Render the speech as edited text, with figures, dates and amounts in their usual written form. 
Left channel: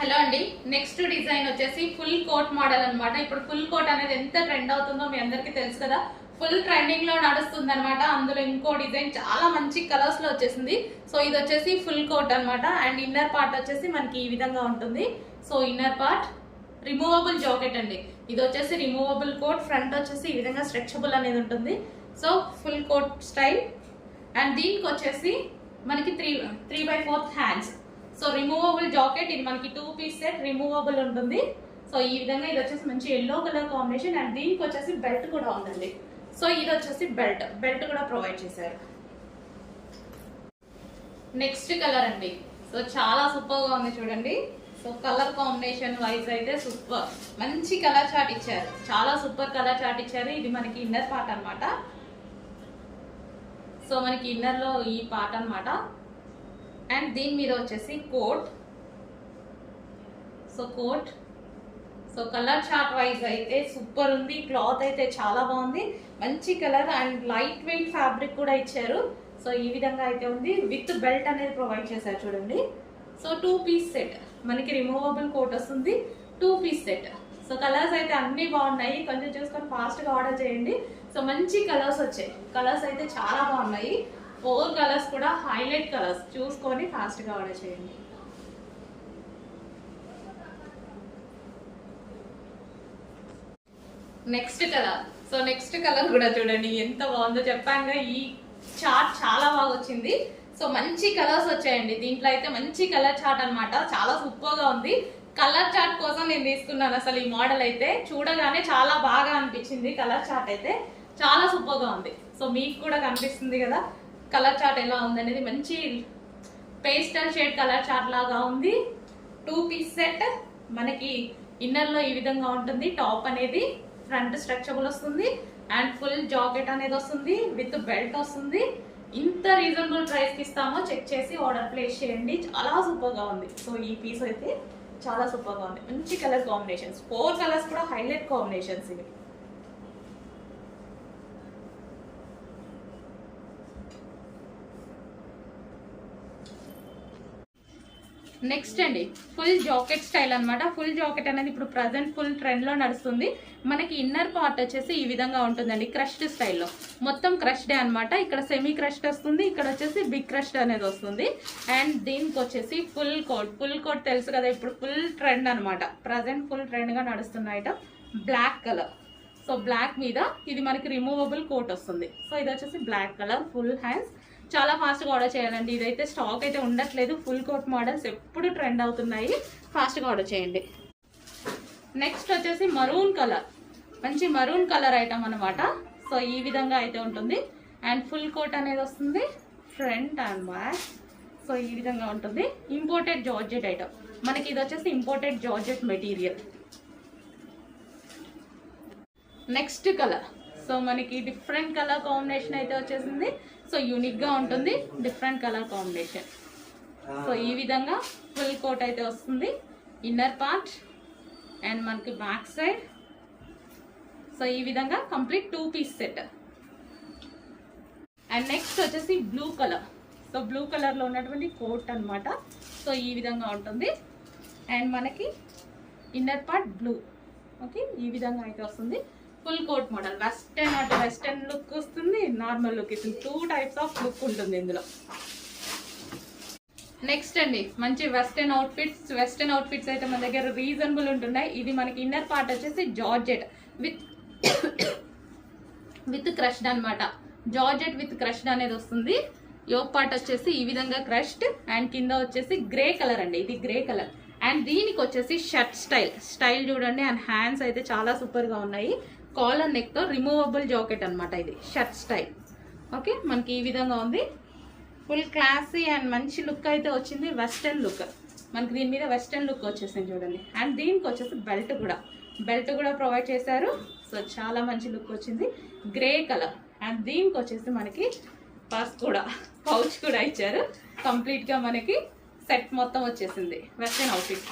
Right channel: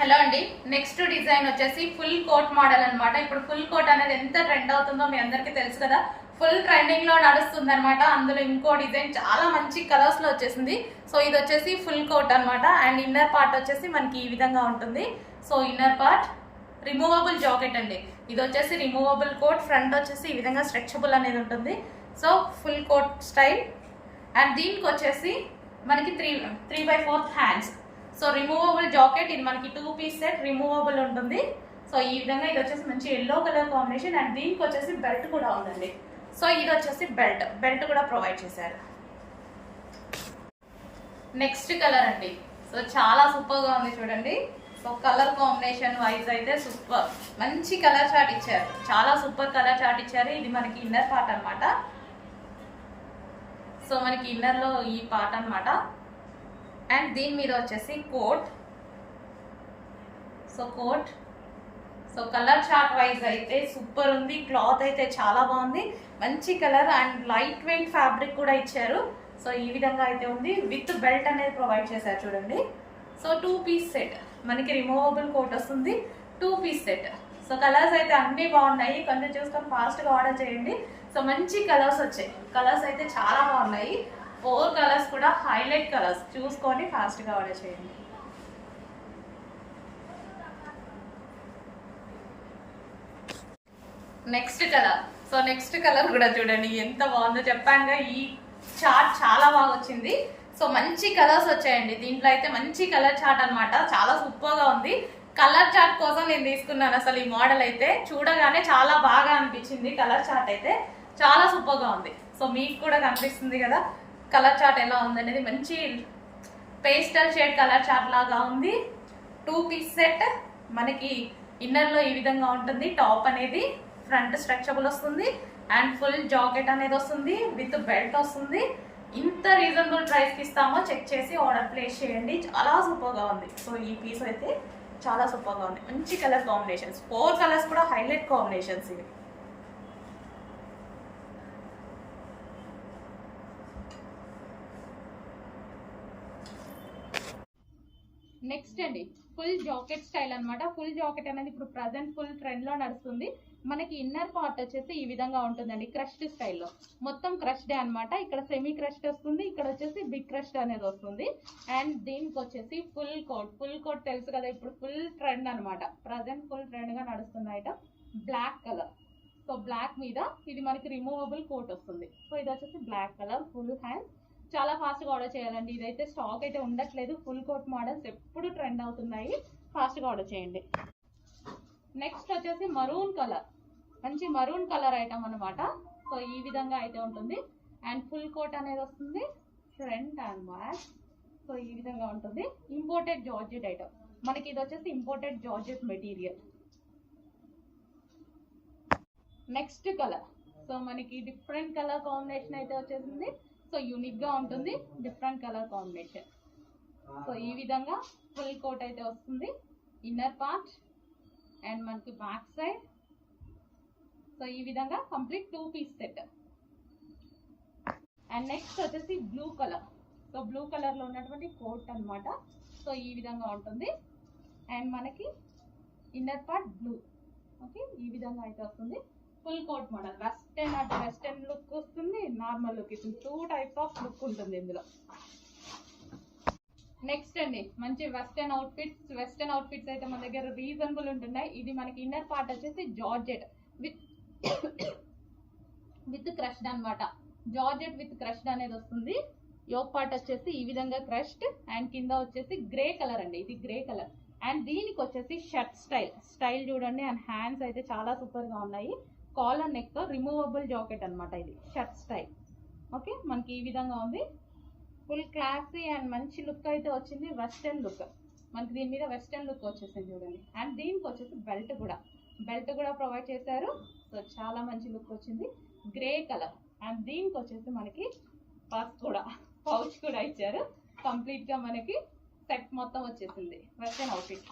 Hello అండి, next design వచ్చేసి full coat model అన్నమాట. ఇప్పుడు ఫుల్ కోట్ అనేది ఎంత ట్రెండ్ అవుతుందో మీ అందరికీ తెలుసు కదా. ఫుల్ ట్రెండింగ్ లో నడుస్తుంది అనమాట. అందులో ఇంకో డిజైన్ చాలా మంచి కలర్స్ లో వచ్చేసింది. సో ఇది వచ్చేసి ఫుల్ కోట్ అన్నమాట. అండ్ ఇన్నర్ పార్ట్ వచ్చేసి మనకి ఈ విధంగా ఉంటుంది. So inner part removable jacket అండి. ఇది వచ్చేసి రిమూవబుల్ కోట్. ఫ్రంట్ వచ్చేసి ఈ విధంగా స్ట్రెచబుల్ అనేది ఉంటుంది. So full coat style. And దీనికి వచ్చేసి మనకి 3/4 హ్యాండ్స్. So removable jacket. ఇది మనకి 2 పీస్ సెట్ రిమూవబుల్ ఉంటుంది. సో ఈ విధంగా ఇది వచ్చేసి మంచి ఎల్లో కలర్ కాంబినేషన్. అండ్ దీనికి వచ్చేసి బెల్ట్ కూడా ఉందండి. సో ఇది వచ్చేసి బెల్ట్ కూడా ప్రొవైడ్ చేశారు. నెక్స్ట్ కలర్ అండి. సో చాలా సూపర్ గా ఉంది చూడండి. సో కలర్ కాంబినేషన్ వైజ్ అయితే సూపర్, మంచి కలర్ చార్ట్ ఇచ్చారు. చాలా సూపర్ కలర్ చార్ట్ ఇచ్చారు. ఇది మనకి ఇన్నర్ పార్ట్ అన్నమాట. సో మనకి ఇన్నర్ లో ఈ పార్ట్ అన్నమాట. అండ్ దీని మీద వచ్చేసి coat. So coat. So colour chart wise అయితే సూపర్ ఉంది. క్లాత్ అయితే చాలా బాగుంది, మంచి colour. And light weight fabric కూడా ఇచ్చారు. సో ఈ విధంగా అయితే ఉంది. విత్ బెల్ట్ అనేది ప్రొవైడ్ చేశారు చూడండి. సో 2 పీస్ సెట్ మనకి రిమూవబుల్ కోట్ వస్తుంది. 2 పీస్ సెట్. సో కలర్స్ అయితే అన్ని బాగున్నాయి. కొంచెం చూసుకొని ఫాస్ట్ గా ఆర్డర్ చేయండి. సో మంచి కలర్స్ వచ్చాయి. కలర్స్ అయితే చాలా బాగున్నాయి. 4 కలర్స్ కూడా హైలైట్ కలర్స్. చూసుకొని ఫాస్ట్ గా ఆర్డర్ చేయండి. Next colour. So next colour కూడా చూడండి ఎంత బాగుందో. చెప్పానుగా ఈ చార్ట్ చాలా బాగా వచ్చింది. సో మంచి కలర్స్ వచ్చాయండి. దీంట్లో అయితే మంచి కలర్ చార్ట్ అన్నమాట. చాలా సూపర్ గా ఉంది. కలర్ చార్ట్ కోసం నేను తీసుకున్నాను. అసలు ఈ మోడల్ అయితే చూడగానే చాలా బాగా అనిపించింది. కలర్ చార్ట్ అయితే చాలా సూపర్ గా ఉంది. సో మీకు కూడా కనిపిస్తుంది కదా కలర్ చార్ట్ ఎలా ఉందనేది. మంచి పేస్టల్ షేడ్ కలర్ చార్ట్ లాగా ఉంది. 2 పీస్ సెట్ మనకి ఇన్నర్ లో ఈ విధంగా ఉంటుంది. టాప్ అనేది ఫ్రంట్ స్ట్రెచబుల్ వస్తుంది. అండ్ ఫుల్ జాకెట్ అనేది వస్తుంది. విత్ బెల్ట్ వస్తుంది. ఇంత రీజనబుల్ ప్రైస్ కి ఇస్తామో చెక్ చేసి ఆర్డర్ ప్లేస్ చేయండి. చాలా సూపర్ గా ఉంది. సో ఈ పీస్ అయితే చాలా సూపర్ గా ఉంది. మంచి కలర్ కాంబినేషన్స్. 4 కలర్స్ కూడా హైలైట్ కాంబినేషన్స్ ఇవి. నెక్స్ట్ అండి ఫుల్ జాకెట్ స్టైల్ అన్నమాట. ఫుల్ జాకెట్ అనేది ఇప్పుడు ప్రజెంట్ ఫుల్ ట్రెండ్ లో నడుస్తుంది. మనకి ఇన్నర్ పార్ట్ వచ్చేసి ఈ విధంగా ఉంటుందండి. క్రష్డ్ స్టైల్లో మొత్తం క్రష్డే అన్నమాట. ఇక్కడ సెమీ క్రష్డ్ వస్తుంది. ఇక్కడ వచ్చేసి బిగ్ క్రష్డ్ అనేది వస్తుంది. అండ్ దీనికి వచ్చేసి ఫుల్ కోట్. ఫుల్ కోట్ తెలుసు కదా, ఇప్పుడు ఫుల్ ట్రెండ్ అనమాట. ప్రజెంట్ ఫుల్ ట్రెండ్ గా నడుస్తున్న item black colour. So black మీద ఇది మనకి రిమూవబుల్ కోట్ వస్తుంది. సో ఇది వచ్చేసి బ్లాక్ కలర్. Full hands. చాలా ఫాస్ట్గా ఆర్డర్ చేయాలండి. ఇదైతే స్టాక్ అయితే ఉండట్లేదు. ఫుల్ కోట్ మోడల్స్ ఎప్పుడు ట్రెండ్ అవుతున్నాయి. ఫాస్ట్గా ఆర్డర్ చేయండి. నెక్స్ట్ వచ్చేసి మరూన్ కలర్. మంచి మరూన్ కలర్ ఐటమ్ అనమాట. సో ఈ విధంగా అయితే ఉంటుంది. అండ్ ఫుల్ కోట్ అనేది వస్తుంది. Front and back. సో ఈ విధంగా ఉంటుంది. ఇంపోర్టెడ్ జార్జెట్ ఐటమ్ మనకి. ఇది వచ్చేసి imported georgette material. Next colour. So మనకి డిఫరెంట్ కలర్ కాంబినేషన్ అయితే వచ్చేసింది. సో యూనిక్ గా ఉంటుంది. Different colour combination. సో ఈ విధంగా ఫుల్ కోట్ అయితే వస్తుంది. ఇన్నర్ పార్ట్ అండ్ మనకి బ్యాక్ సైడ్. సో ఈ విధంగా complete 2 piece set. And next వచ్చేసి blue colour. So blue colour లో ఉన్నటువంటి కోట్ అన్నమాట. సో ఈ విధంగా ఉంటుంది. అండ్ మనకి ఇన్నర్ పార్ట్ బ్లూ. ఓకే, ఈ విధంగా అయితే వస్తుంది. Full coat model. వెస్టర్న్ అంటే వెస్టర్న్ లుక్ వస్తుంది, నార్మల్ లుక్ ఇస్తుంది. 2 టైప్స్ ఆఫ్ లుక్ ఉంటుంది ఇందులో. నెక్స్ట్ అండి మంచి వెస్టర్న్ అవుట్ఫిట్స్. వెస్టర్న్ అవుట్ఫిట్స్ అయితే మన దగ్గర రీజనబుల్ ఉంటున్నాయి. ఇది మనకి ఇన్నర్ పార్ట్ వచ్చేసి జార్జెట్ విత్ క్రష్డ్ అనమాట. జార్జెట్ విత్ క్రష్డ్ అనేది వస్తుంది. యోక్ పార్ట్ వచ్చేసి ఈ విధంగా క్రష్డ్. అండ్ కింద వచ్చేసి గ్రే కలర్ అండి. ఇది గ్రే కలర్. అండ్ దీనికి వచ్చేసి షర్ట్ స్టైల్ చూడండి. అండ్ హ్యాండ్స్ అయితే చాలా సూపర్ గా ఉన్నాయి. కాలర్ నెక్ తో రిమూవబుల్ జాకెట్ అనమాట. ఇది షర్ట్ స్టైల్. ఓకే, మనకి ఈ విధంగా ఉంది. ఫుల్ క్లాసీ అండ్ మంచి లుక్ అయితే వచ్చింది. వెస్టర్న్ లుక్ మనకి దీని మీద వెస్టర్న్ లుక్ వచ్చేసింది చూడండి. అండ్ దీనికి వచ్చేసి బెల్ట్ కూడా ప్రొవైడ్ చేశారు. సో చాలా మంచి లుక్ వచ్చింది. Grey colour. అండ్ దీనికి వచ్చేసి మనకి పౌచ్ కూడా ఇచ్చారు. కంప్లీట్ గా మనకి సెట్ మొత్తం వచ్చేసింది. Western outfit.